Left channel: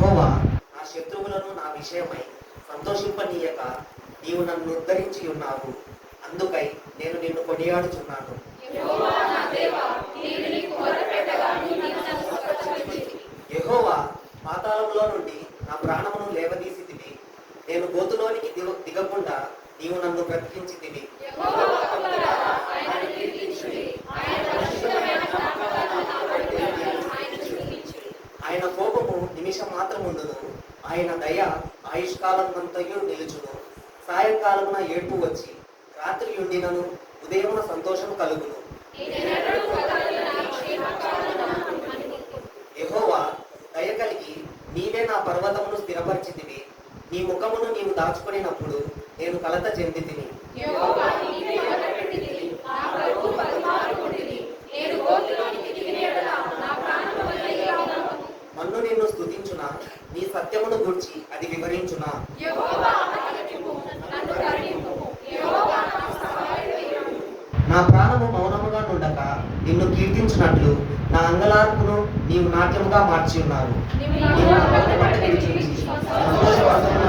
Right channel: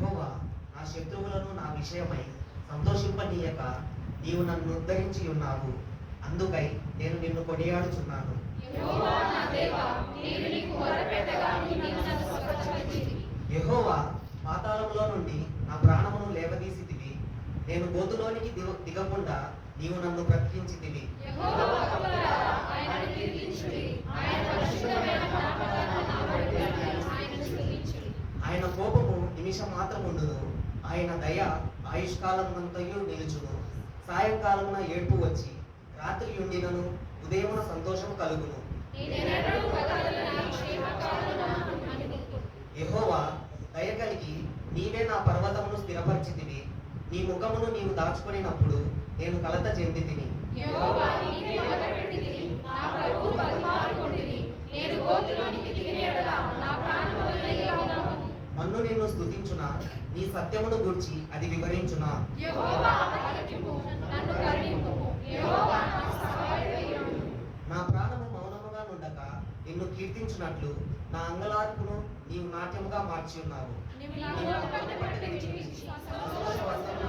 యెహోవా నా శత్రువులను నా విషయమై సంతోషింపనీయక నీవు నన్ను ఉద్ధరించి ఉన్నావు. అందుకై నేను నిన్ను కొనియాడుచున్నాను. యెహోవా పాతాళంలో నుండి నా ప్రాణమును లేవదీసితివి. నేను గోతులోనికి దిగకుండా నీవు నన్ను బ్రతికించితివి. ఆయన కోపము నిమిషం మాత్రముండును, ఆయన దయ ఆయుష్కాలమంతయు నిలుచును. సాయంకాలమున ఏడ్పు వచ్చి రాత్రి ఉండినను ఉదయమున సంతోషం కలుగును. యెహోవా దయ కలిగి నీవే నా పర్వతమును స్థిరపరిచితివి. నీ ముఖమును నీవు దాచుకొనినప్పుడు నేను కలత చెందితిని. మన్ను నిన్ను స్తుతించునా, నీ సత్యమును గూర్చి అది వివరించునా. నా ప్రాణము మౌనముగా నుండక నిన్ను కీర్తించున్నట్లు నా అంగలార్పును నీవు నాట్యముగా మార్చి ఉన్నారు. నీవు నా పట్టు విడిచి సంతోషపడుతున్నా